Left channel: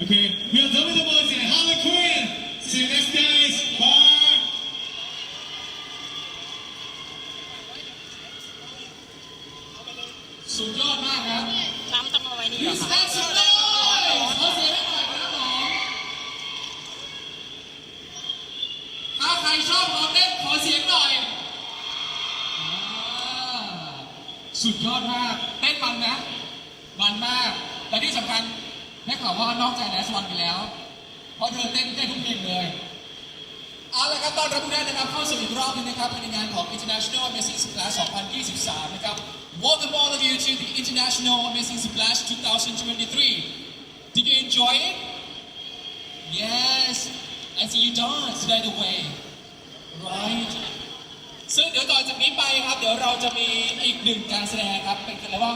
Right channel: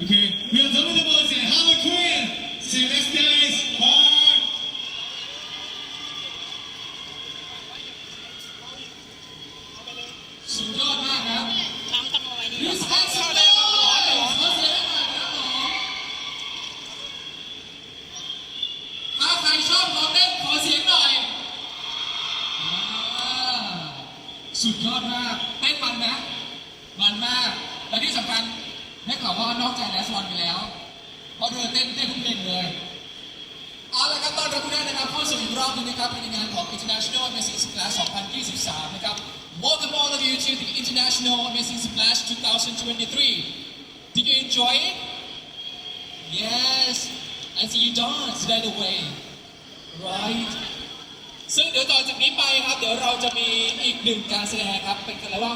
Okay, we are done with the words here. Have a Korean. See you next days. Bye. สุดยอดมากครับ น้ำต้องเอาไว้นี่ก่อน Respect some noise. ขอเสียงให้หน่อยครับผมถ้าใครชอบเขาเต้นขอเสียงหน่อยสุดยอดมากเต้นมันนะมันมากและที่สำคัญได้ข่าวว่านอกใจแลสวันไปแล้วเพราะเธอเต้นทุกทีมเลยเอาละครับตอนรับทุกท่านนะครับเข้าสู่อีกรอบนึงนะครับในงานของ International Amazing Splash 2023 นะครับ Welcome all of you to the International Amazing Splash 2023. Did you enjoy it? Yes. I see you dance right away. Right. ซึ่งเดี๋ยวต่อจากนี้ไปครับเดี๋ยวเราจะมีอีกหนึ่งการแสดงครับเป็นกันแล้วว่า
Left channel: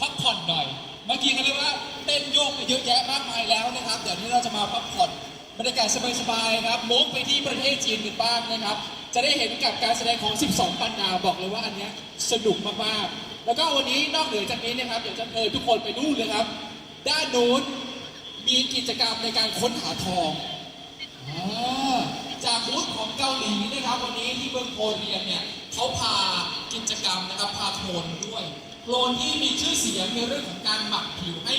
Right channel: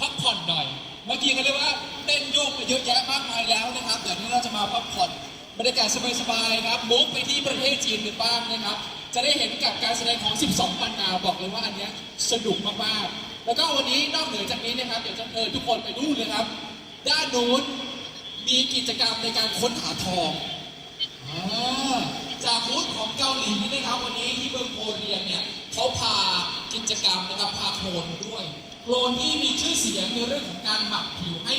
พักผ่อนหน่อยเมื่อกี้กันเรียกว่าเต้นโยกไปเยอะแยะมากมายแล้วนะครับเดี๋ยวนี้เราจะมาพักผ่อนบรรยากาศสบายๆครับมุกไปที่ประเทศจีนกันบ้างนะครับจะได้เห็นกับการแสดงของ 12 ปันนาบอกเลยว่าอันนี้สนุกมากๆแล้วก็วันนี้นอกเหนือจากนี้นะครับเดี๋ยวจะทุกคนไปดูเลยครับด้านโน้นมีกิจกรรมในการค้นหาทองจากบูธของเกาหลีนะครับวันนี้ที่เมืองโคเรียนเนี่ยเขาพากิจกรรมนะครับพาโคลนด้วยโคลนที่มีชื่อเสียงในเรื่องของการหมักผิวให้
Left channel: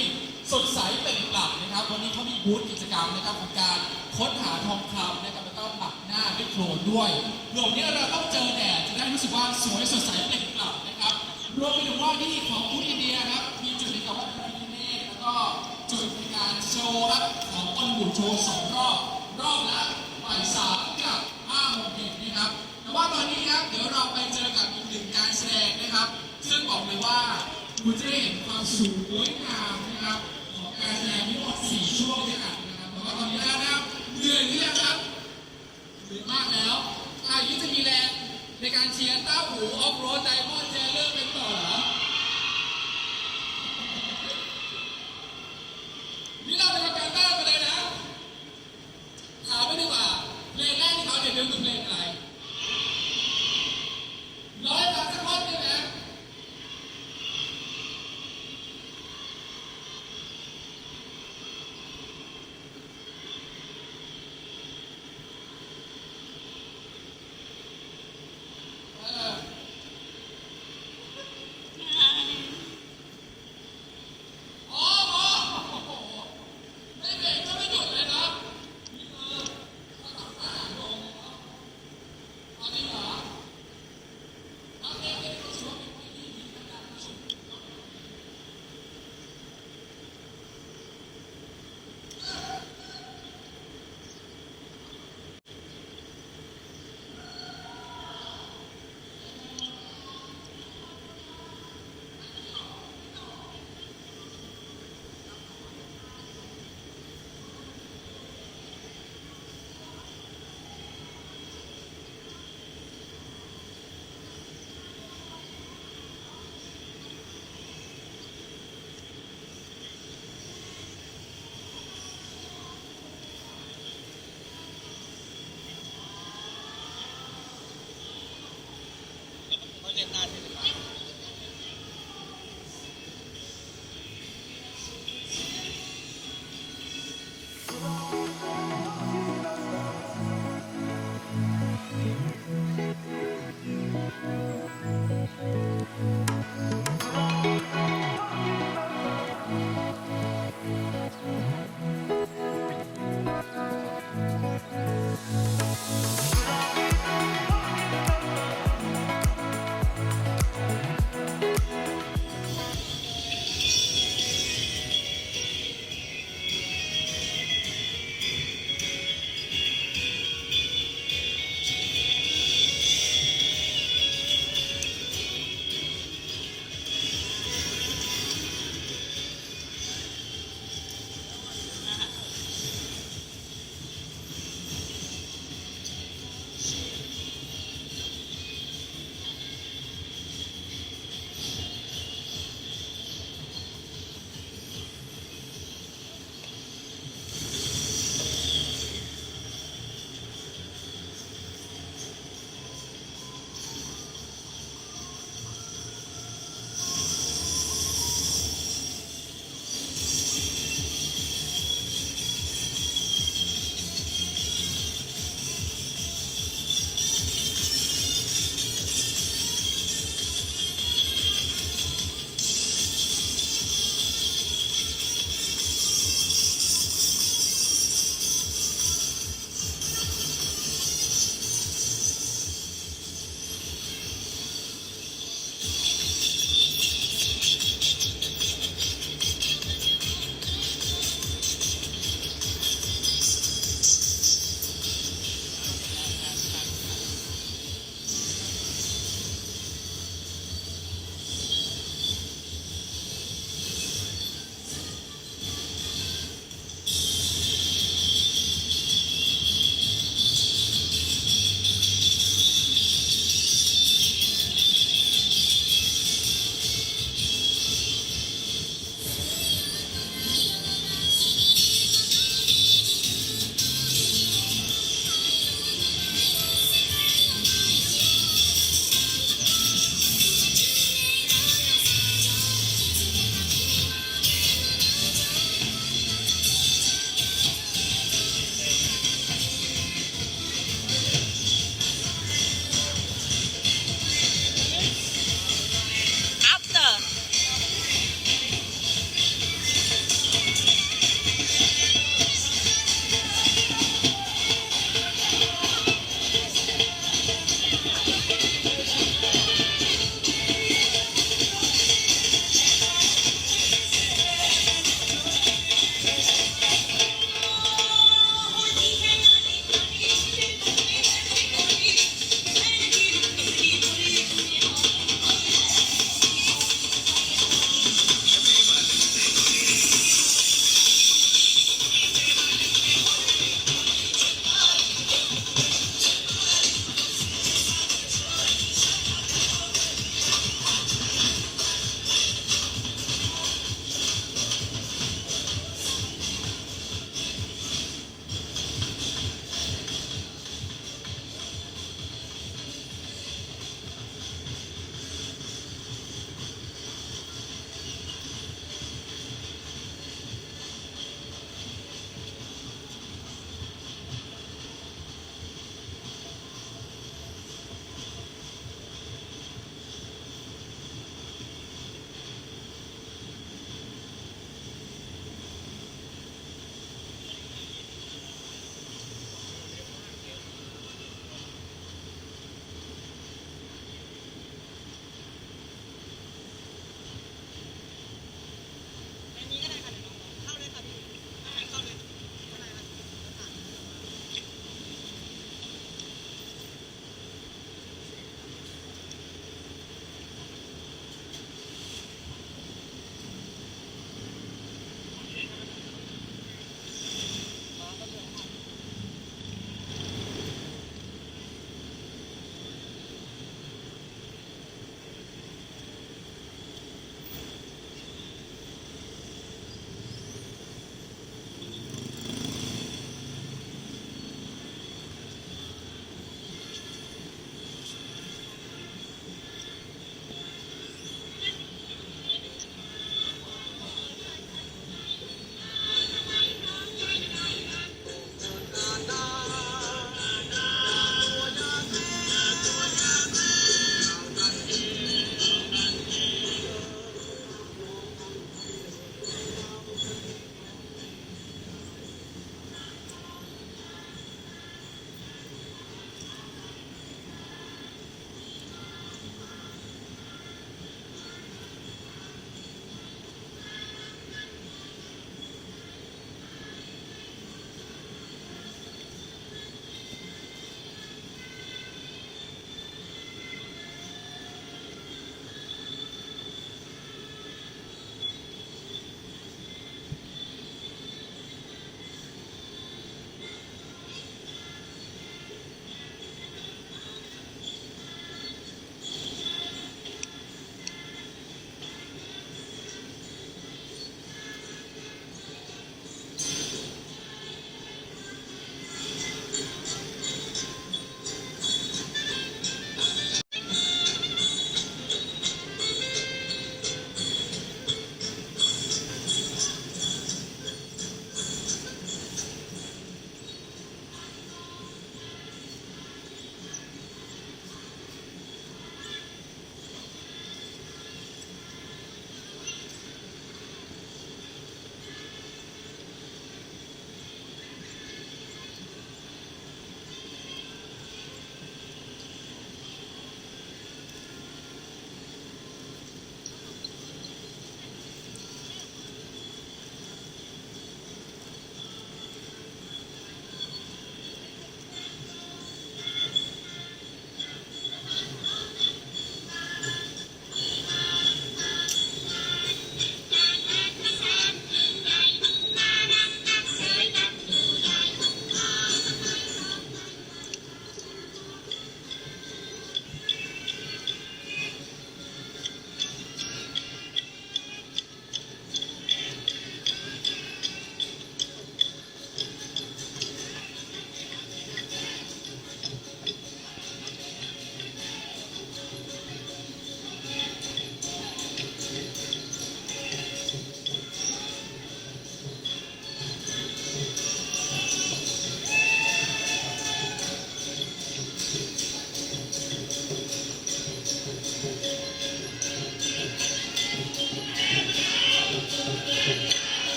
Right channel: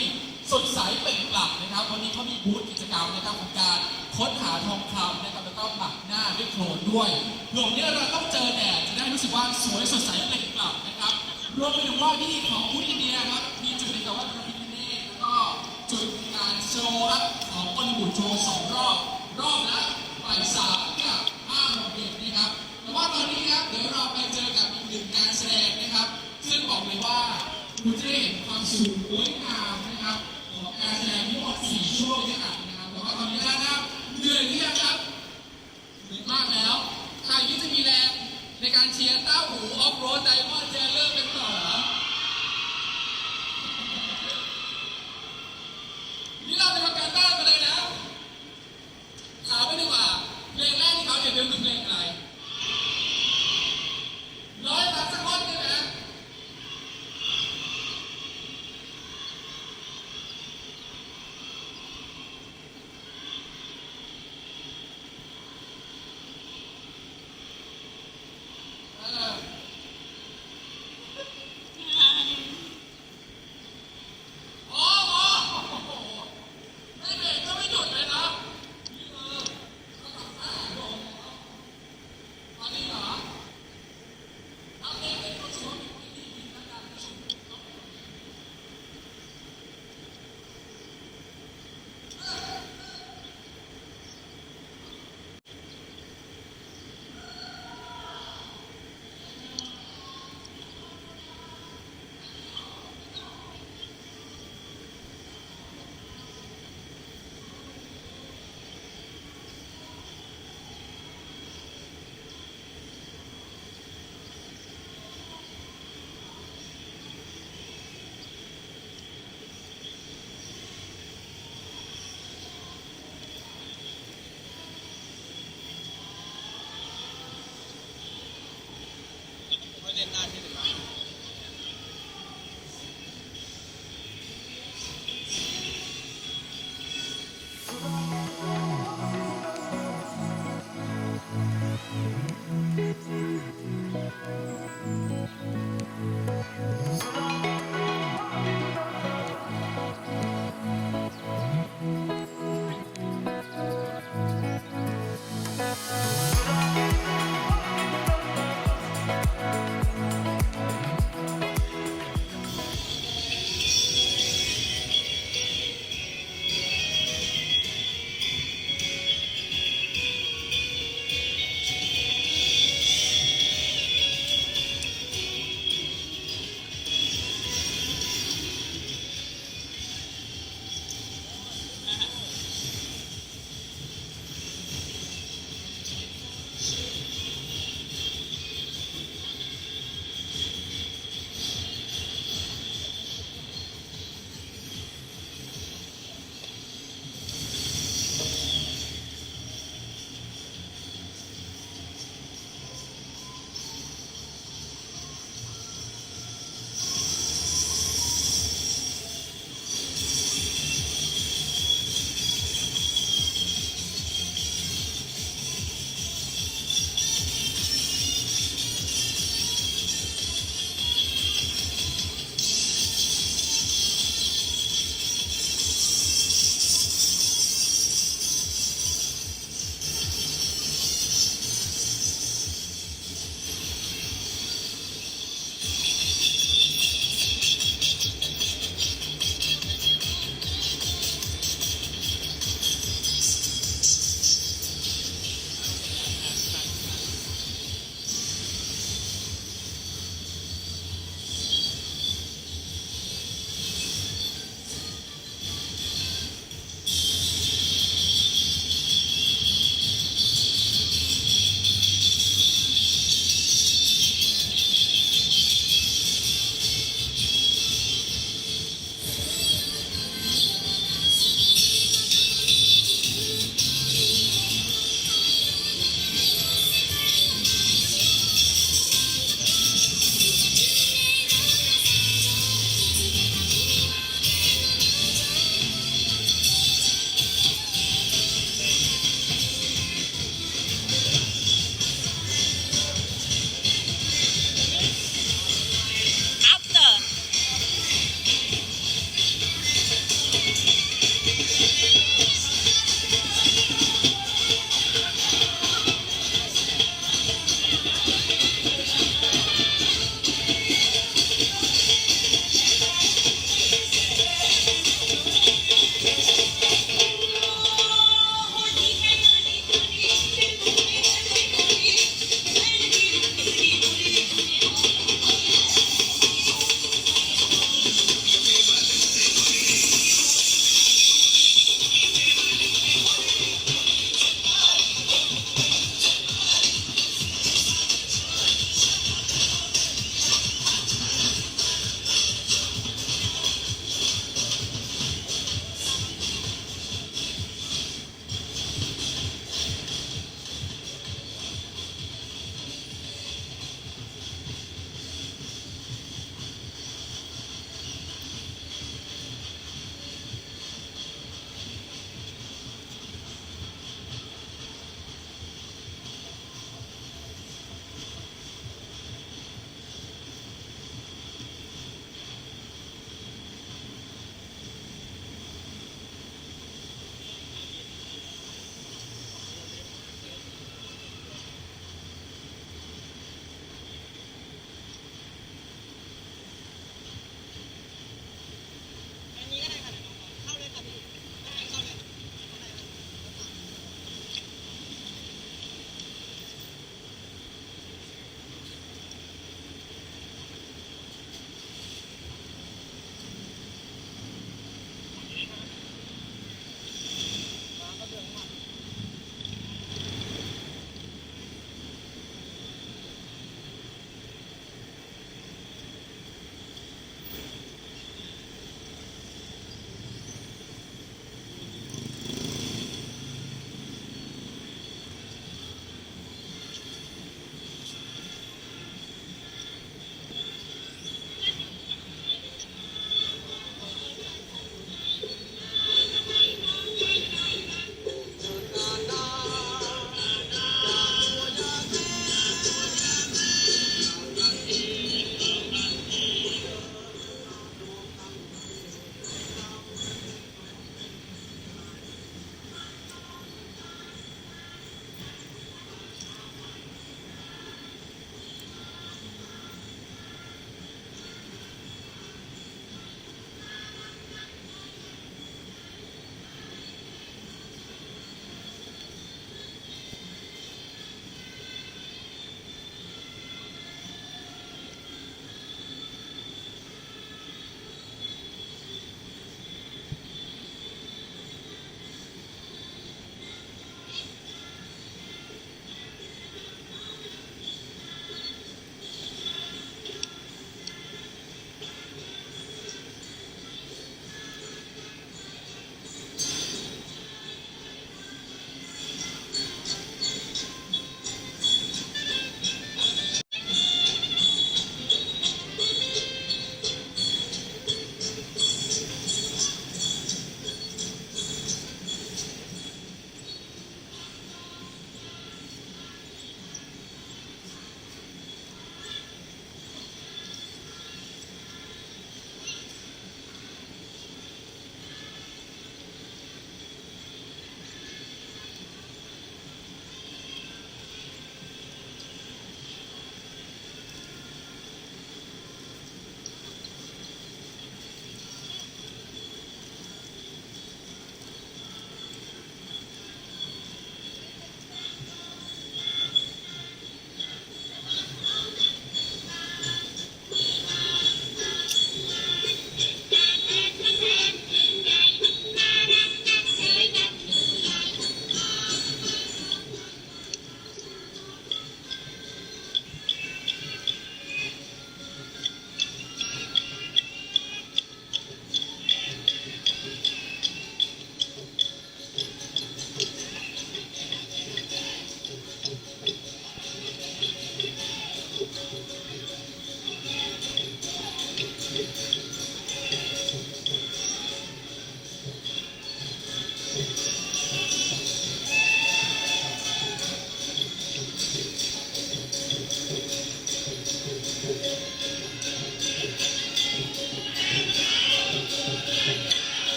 สดใสเปล่งปลั่งนะครับวันนี้เขามีบูธกิจกรรมนะครับของการค้นหาทองคำนะครับแล้วก็หมักหน้าด้วยโคลนด้วยเผื่อวันนี้เราต้องเจอแดดจะได้รู้สึกว่าสวยสดใสเปล่งปลั่งนะครับรวมไปถึงว่าที่ของผู้อินเดียครับมีจุดที่เขาว่าพระพิฆเนศแล้วก็จุดในการโชว์ของคนหุ่นโชว์2 รอบละบ่าย 3 กับ 5 โมงเย็นนะครับแต่ว่าตอนนี้ครับเดี๋ยวเราไปเจอกับอีกหนึ่งการแสดงนะครับซึ่งบอกเลยว่าคุณจะได้เห็นความสวยงามนะครับของการแสดงทั้งหมด4 ช่วงด้วยกันนะครับแต่ว่าตอนนี้นะครับเหนื่อยหรือยังครับเหนื่อยมากแล้วใครที่จะมีแรงในการเชียร์เต้า